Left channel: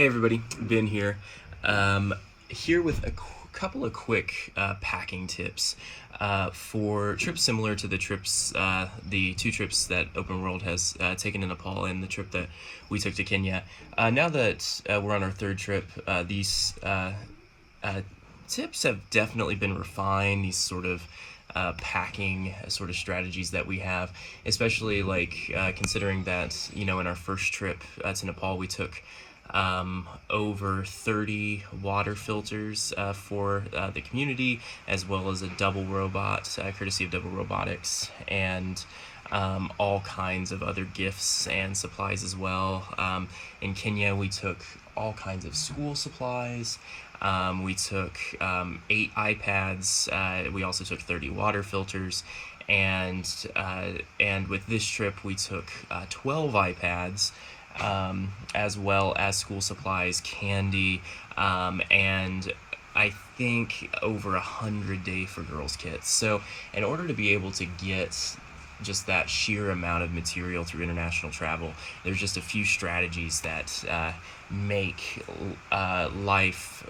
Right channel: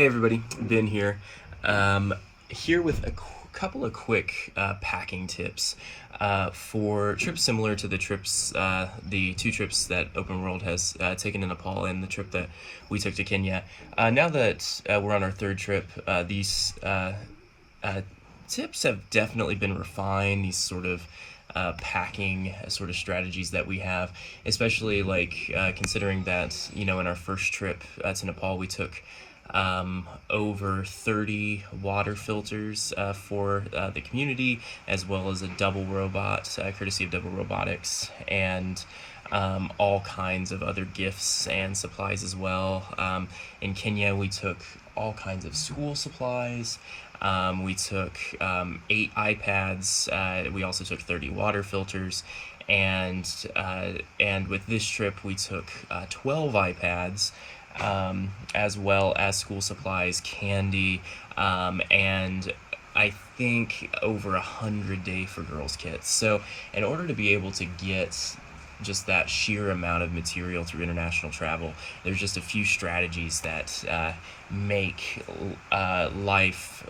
Hey everybody, Ben here. Here with a couple of quick packing tips for trips similar to the two trips that Open World has taken to Nepal and the trip that we took to Kenya. Now that we're on our third trip, these tips have definitely been refined. These sort of packing sort of strategies that we have, especially considering that, in our first trip to Nepal, we took over 30 water filters for the community, as well as a double robot, courtesy of Double Robotics, and all kinds of other gifts and supplies as well. In Kenya, we took all kinds of school supplies. We took 8 iPads. We also took 30 water filters, and with this trip we took 12 iPads, as well as school supplies, candy, and I think over 100 Day for Girls kits. So in order to be able to get just that sheer amount of material through international travel, there's just a few strategies that make life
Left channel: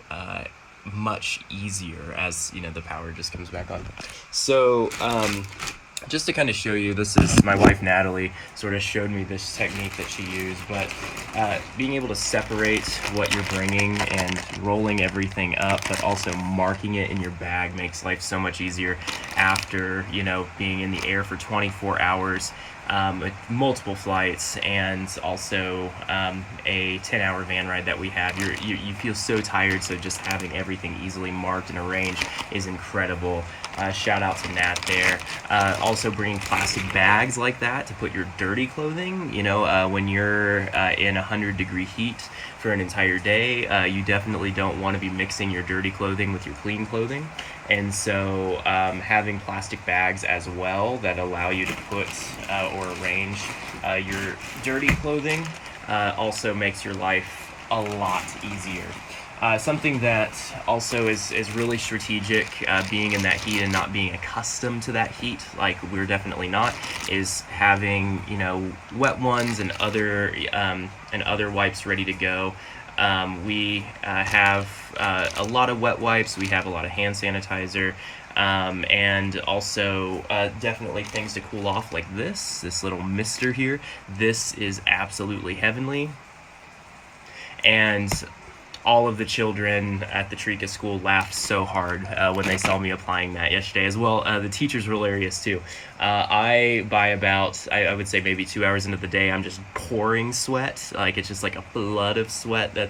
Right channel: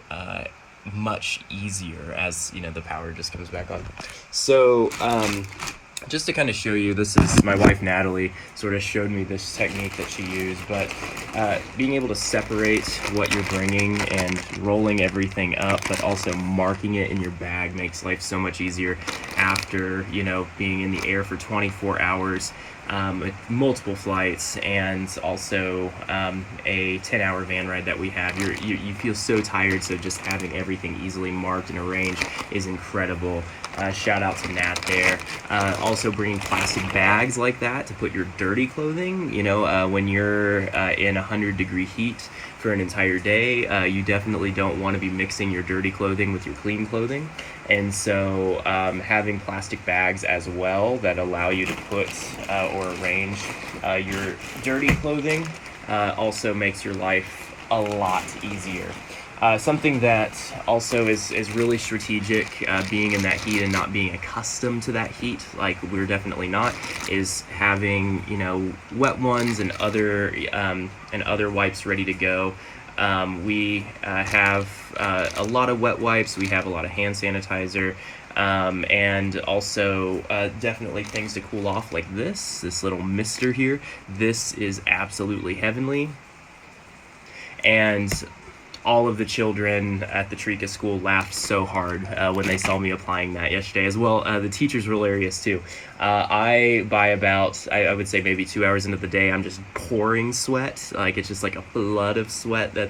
much easier as the power just comes back on. So just to kind of show you, this is my wife Natalie sort of showed me this technique that she used, but being able to separate what you're bringing and rolling everything up, but also marking it in your bag makes life so much easier after being in the air for 24 hours with multiple flights, and also a 10-hour van ride that we have. You feel so tired, so just having everything easily marked and arranged is incredible. Shout out to Nat there. Also bringing plastic bags like that to put your dirty clothing. When you're in 100-degree heat for an entire day, you definitely don't want to be mixing your dirty clothing with your clean clothing. And so having plastic bags as well that allow you to put or arrange your dirty clothing also makes your life a lot easier. Something that also is really strategic, being in that heat and not being accustomed to that heat, like we're definitely not, is having wet ones and other wipes ready to go. We have a lot of wet wipes. We have a lot of hand sanitizer, and also definitely things to cool off, like this little mister here. This is absolutely heavenly, and all of the children at the Trika school laughed so hard when they saw me applying that yesterday as well. The teachers were hilarious too. By about, I would say maybe 2 hours into the day, I'm just pouring sweat. Like, it's just like a flood of sweat that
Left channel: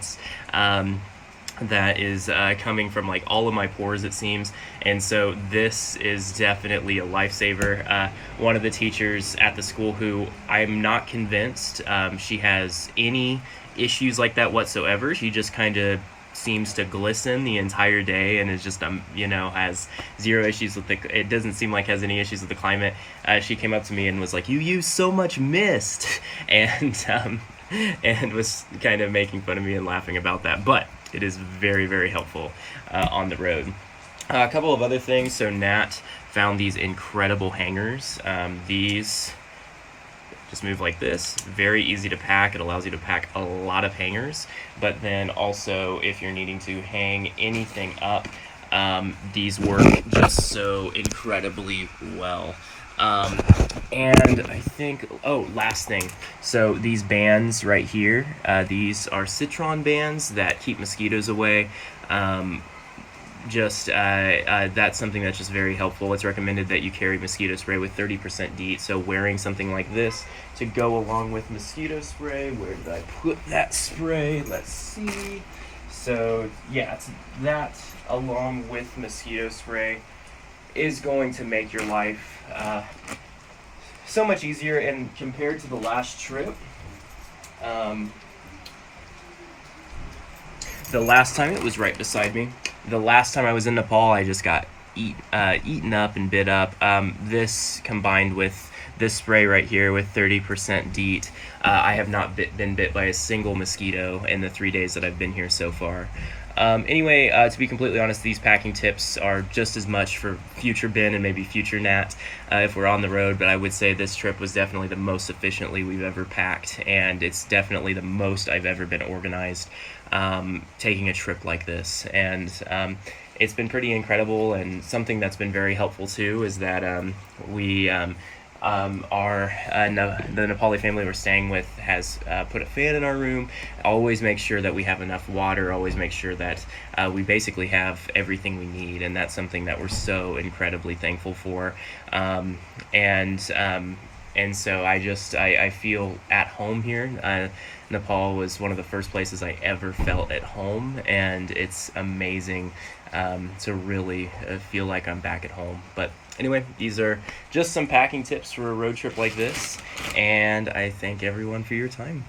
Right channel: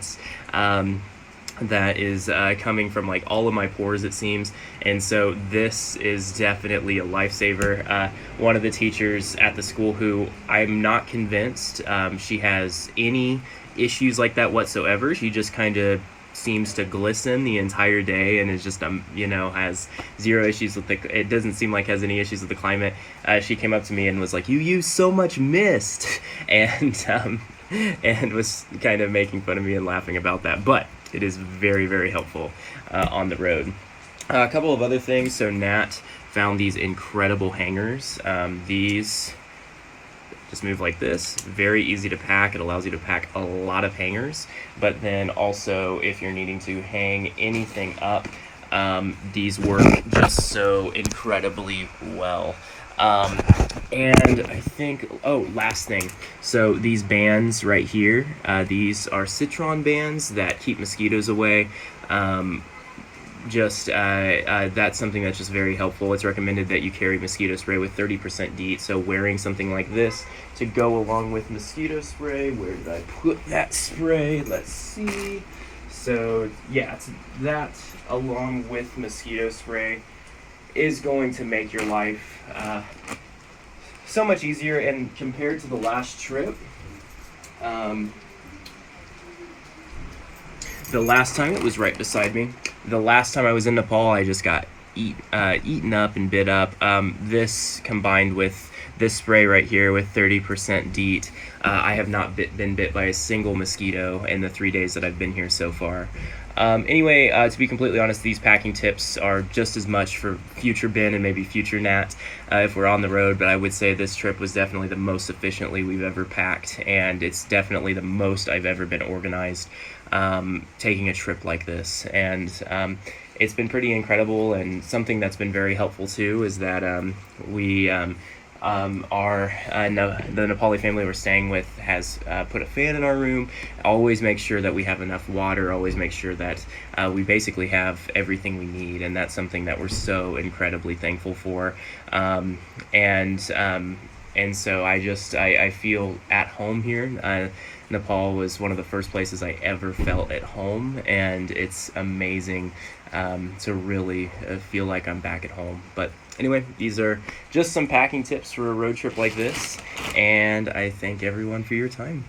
is coming from all of my pores, it seems. And so this is definitely a lifesaver. One of the teachers at the school, who I'm not convinced she has any issues like that whatsoever. She just kind of seems to glisten the entire day and is just has zero issues with it doesn't seem like has any issues with the climate. She came up to me and was like, "You use so much mist," and was kind of making fun of me and laughing about that, but it is very, very helpful on the road. A couple of other things. So Nat found these incredible hangers. These just move like this. Very easy to pack. It allows you to pack a lot of hangers, but then also if you're needing to hang anything up, these work just so incredibly well. And I think, last thing, so these bands right here, these are citron bands that keep mosquitoes away. That's something that's just very helpful. It's recommended that you carry mosquito spray with 30% DEET, so wearing something like this to go along with mosquito spray. Where did I put that spray? Let's see. So yeah, that along with mosquito spray is going to make your life so much easier. And compared to the last trip, the last time, it was right beside me. The last time I was in Nepal, I just got eaten up and bit up. This combined with this spray right here with 30% DEET, I have not been bit by a single mosquito in the 3 days that I've been here so far. Anyway, to be completely honest, these packing tips are just as much for future Ben and maybe future Nat if we're on the road, but I would say this trip was definitely the most efficiently we've ever packed, and it's definitely the most I've ever been organized taking a trip like this. And it's been pretty incredible, and something that's been very helpful too is that the Nepali family we're staying with has put a fan in our room. Always make sure that we have enough water, always make sure that we basically have everything we need, and that's something that we're so incredibly thankful for. And so I feel at home here. Nepal was one of the first places I ever felt at home, and it's amazing to really feel like I'm back at home. But anyway, these are just some packing tips for a road trip like this, and I thank everyone for your time.